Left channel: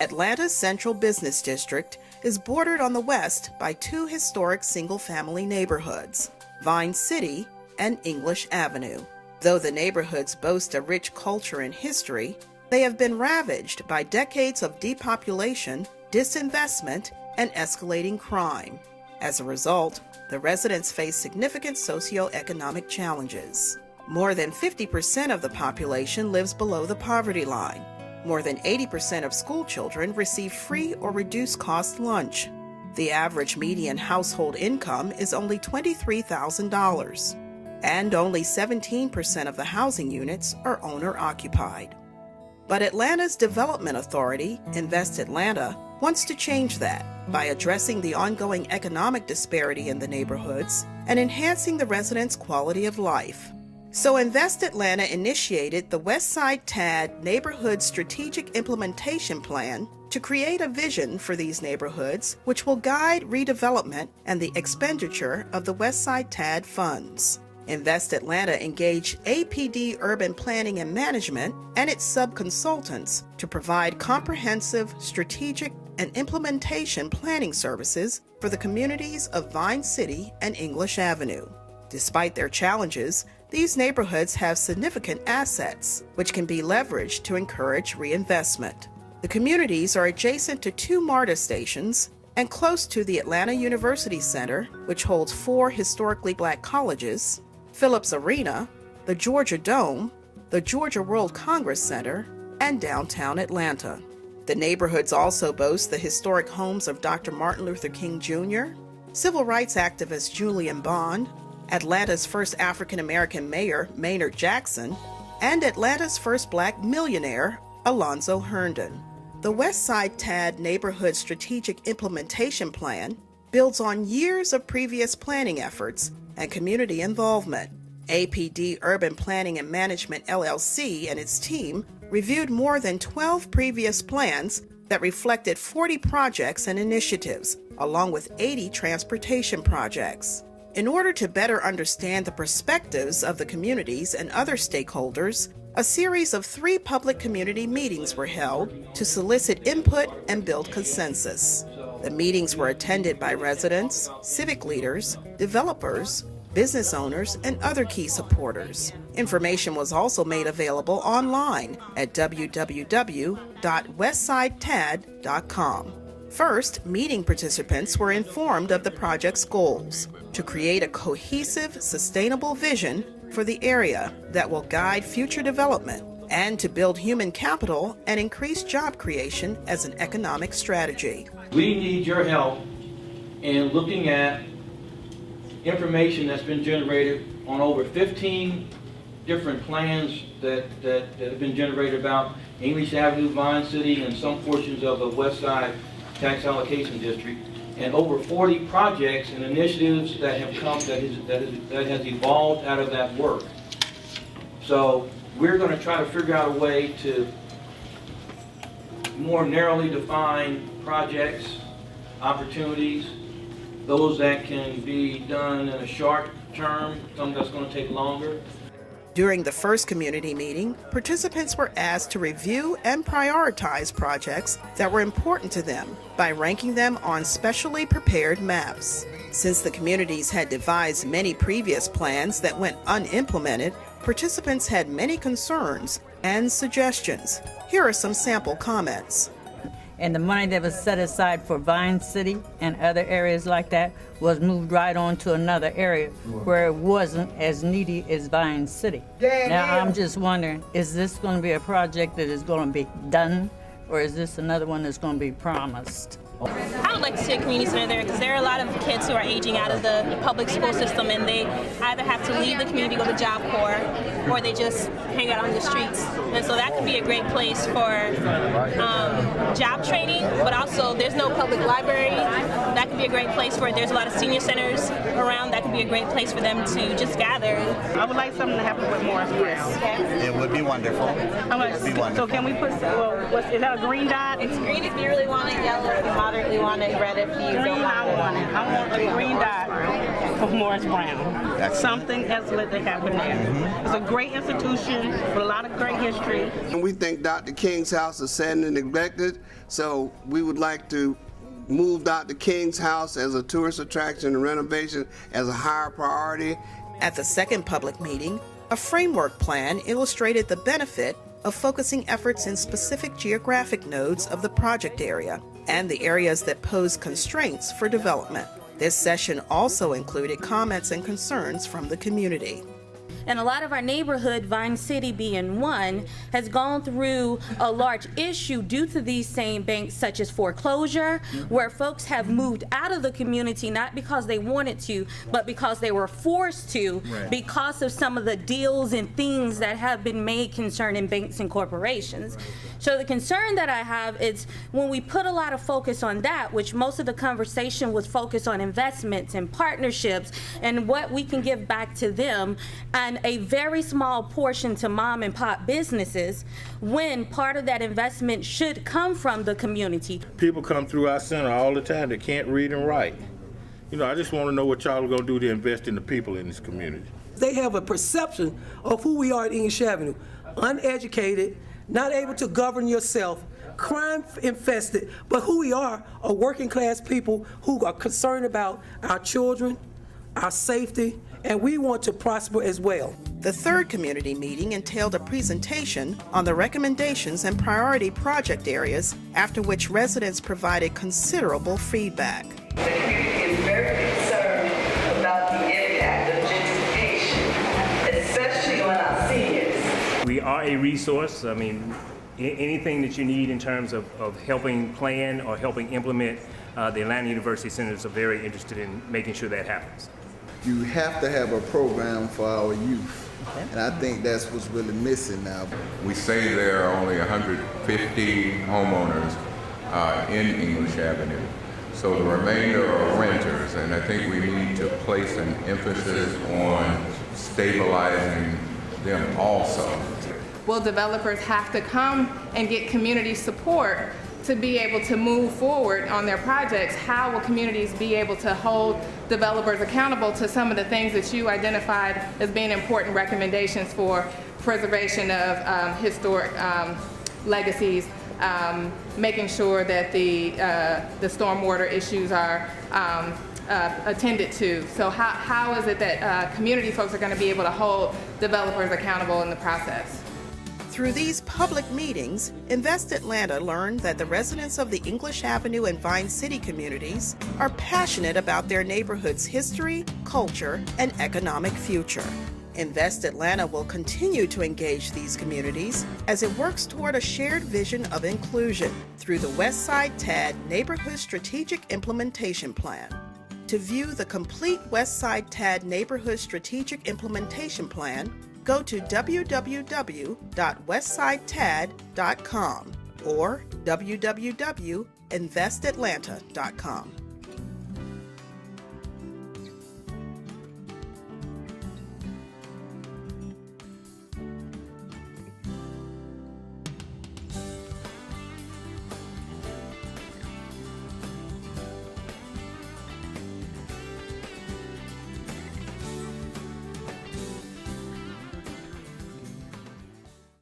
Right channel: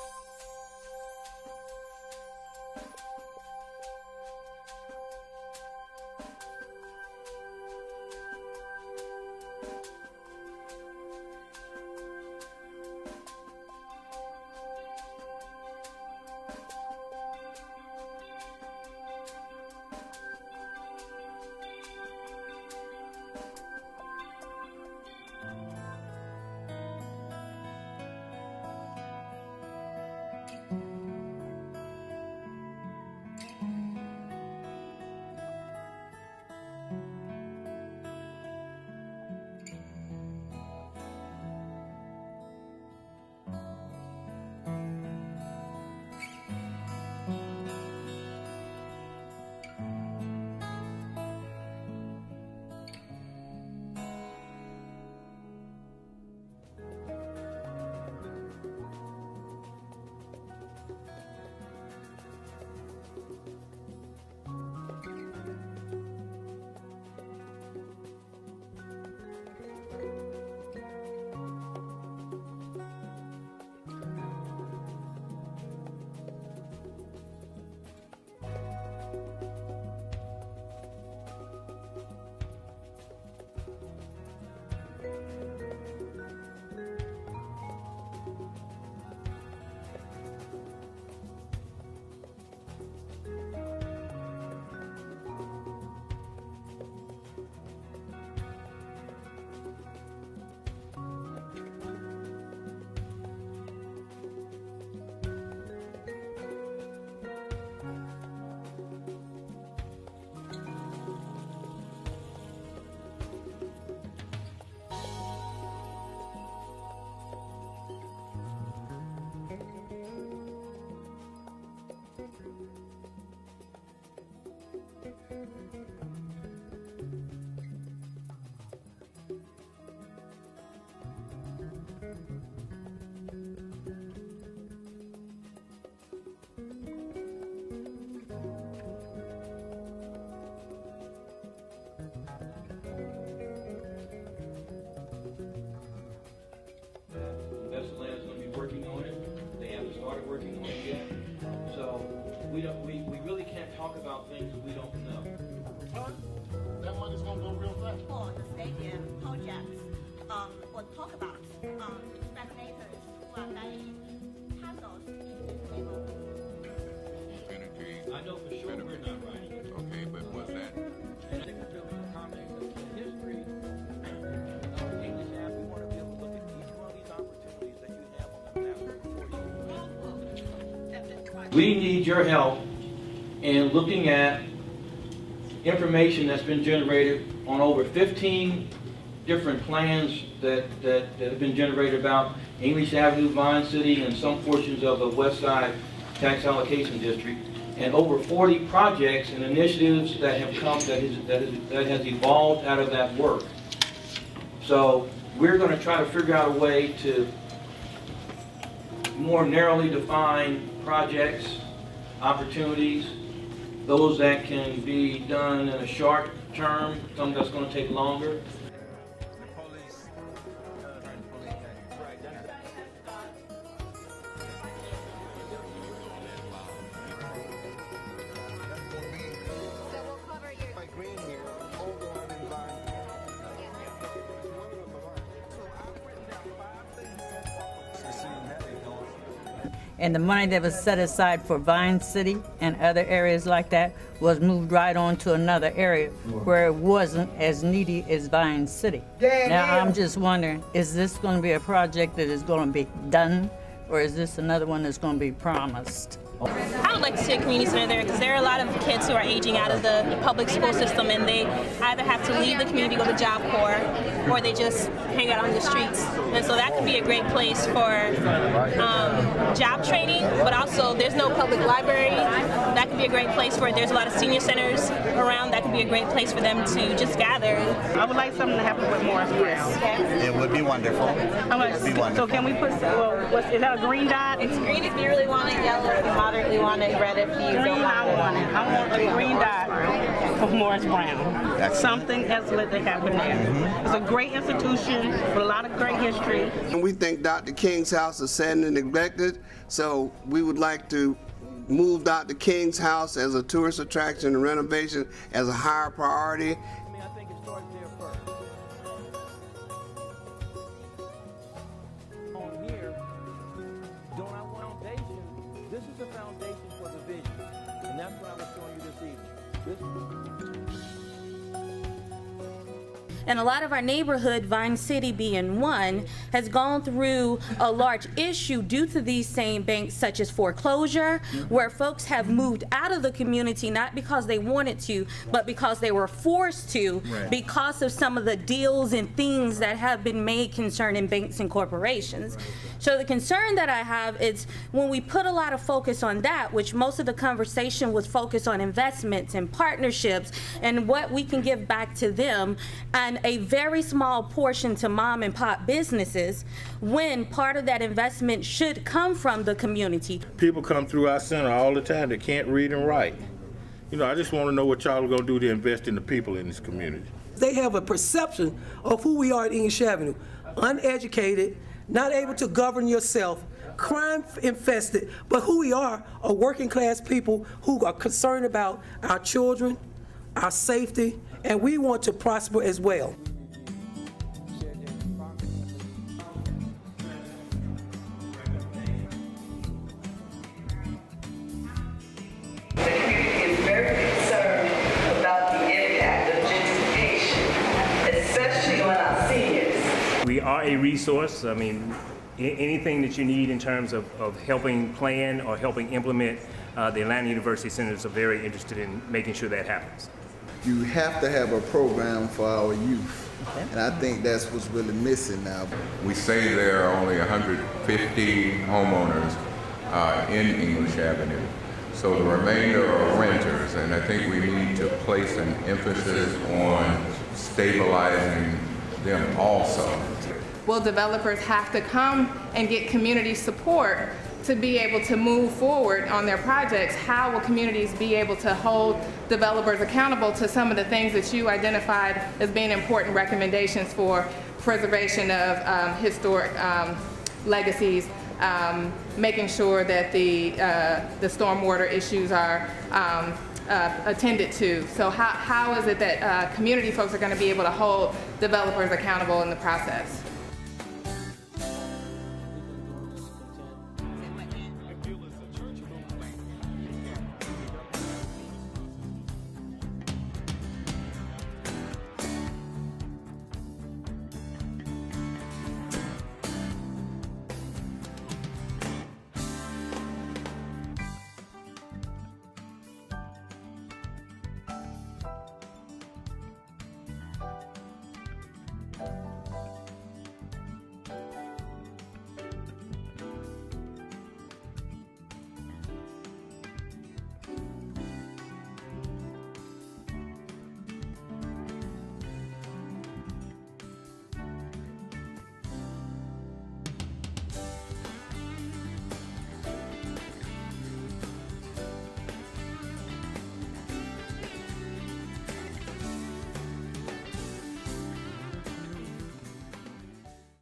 Atlanta's Central Business District is bordered on the west by two historic single-family neighborhoods, Vine City and English Avenue. Though the neighborhoods boast a rich culture and history, they have been ravaged by decades of depopulation, disinvestment, and escalating crime. As a result, the residents face significant socioeconomic challenges. More than 50% of the population lives below the poverty line. More than 80% of school children receive free or reduced cost lunch. The average median household income is only $23,000, and only 17% of the housing units are owner-occupied. But Atlanta's Development Authority, Invest Atlanta, wants to change that by addressing the ongoing economic disparity in the neighborhoods and enhancing the residents' quality of life. So Invest Atlanta initiated the Westside TAD Neighborhood Strategic Implementation Plan to create a vision for these neighborhoods which will guide redevelopment and the expenditure of the Westside TAD funds. Invest Atlanta engaged APD Urban Planning and Management and its sub-consultants to provide comprehensive, strategic, and implementation planning services for the communities of Vine City and English Avenue. Despite their challenges, these neighborhoods have significant assets, which can be leveraged to encourage reinvestment. The communities are adjacent to two MARTA stations and close to the Atlanta University Center, which holds 4 historically black colleges, Phillips Arena, the Georgia Dome, the Georgia World Congress Center, and downtown Atlanta. The neighborhoods also boast the historic homes of Dr. Martin Luther King Jr., civil rights activist Julian Bond, Atlanta's first African-American mayor, Maynard Jackson, and Atlanta's first black millionaire, Alonzo Herndon. The Westside TAD Neighborhood Strategic Implementation Plan builds on years of previous planning efforts and community involvement. APD Urban Planning and Management LLC and its team reviewed more than 12 previous plans that reflected 40 projects and initiatives, along with 80 transportation projects. In order to better understand the perspectives of the communities and other stakeholders, a series of 3 public community meetings were held to solicit input and build consensus. The meetings were attended by residents, civic leaders, developers, business owners, and other key supporters. Information was also made available online at www.westsidetad.com. First, meeting participants were informed of the project's goals to create a cohesive, sustainable vision for the area that will guide future development and to build human capital and increase job creation as an economic strategy. We need your help in looking at information that's been generated on over 15 different plans that have been generated about English Avenue, Vine City, and some portions of the Westside Tax Allocation District, and over 40 projects and initiatives that have come, that has evolved out of that work. So we're going to try to figure out a way to more narrowly define projects, opportunities, those that can be done in a short term, some that's going to take longer. During the first community meeting, participants were asked to review and prioritize projects that were important to them by ranking them on specially prepared maps. Since the communities had devised many previous plans that went unimplemented, participants had many concerns and suggestions. Here are some sample comments. And the money that was set aside for Vine City and other areas like that was moved right on to another area where it wasn't as needy as Vine City. Now I'm just wondering, is this going to be a project that is going to be done, or is this another one that's going to be promised? I would like to see a community center there because there are a lot of kids who are aging out of the public school system, and they either have to leave the community, go to Job Corps, or they just hang out on the streets. And so that could be a great place for job training, but also there's no public library. That could be a great place for it. There's a lot of senior centers around. That could be a great place for them to just gather. I would like something to happen with Morris Brown. It would be wonderful. How much? So can we put, is that a green dot? It's green if you really want it, yellow if you moderately want it, red if you don't want it. I want a green dot. of Morris Brown. Something excellent that happened there. It's a great institution with a lot of great history. And we think Dr. King's house is sad and neglected, so we would like to move Dr. King's house as a tourist attraction and renovation as a higher priority. At the second public meeting, a framework plan illustrated the benefit of focusing efforts in specific geographic nodes of the project area and the areas that pose constraints for development. This session also included comments and concerns from the community. And a lot of our neighborhood, Vine City being one, has gone through a large issue due to these same banks, such as foreclosure, where folks have moved out of the community not because they wanted to, but because they were forced to, because of some of the deals and things that have been made concerning banks and corporations. So the concern that I have is when we put a lot of focus on that, which most of the conversation was focused on investments and partnerships and what we can give back to them, and a very small portion to mom and pop businesses, when part of that investment should come from the community. People come through our center all the time that can't read and write. You know, I just want to know what y'all are going to do to invest in the people in this community. They have a perception of who we are at English Avenue. Uneducated, not able to govern yourself, crime infested, but who we are working class people who are concerned about our children, our safety, and we want to prosper as well. The third community meeting entailed a presentation on the recommendations and priority project areas, after which residents provided considerable feedback. The community is very concerned about the impact of gentrification, especially on our seniors. We are a resource. I mean, anything that you need in terms of helping plan or helping implement, the Atlanta University Centers are very interested in making sure that happens. You have to have a program for our youth. And I think that's what's really missing now. We say there are only 150 homeowners in English Avenue. So the remainder are renters, and I think we need to place an emphasis on stabilizing them also. Will developers have to come and get community support to be able to move forward on their projects? How will communities be able to hold developers accountable to some of the things that you identified as being important recommendations for preservation of historic legacies, making sure that the stormwater issues are attended to? So how is it that community folks are going to be able to hold developers accountable in the process? Through these public meetings, Invest Atlanta learned that the residents of the English Avenue and Vine City communities are passionate about their neighborhood's history, culture, and economic future. Invest Atlanta will continue to engage these communities as it works toward a shared vision of inclusion through the Westside TAD Neighborhood Strategic Implementation Plan. To view the complete Westside TAD Neighborhood Strategic Implementation Plan, go to www.westsidetad.com or www.investatlanta.com.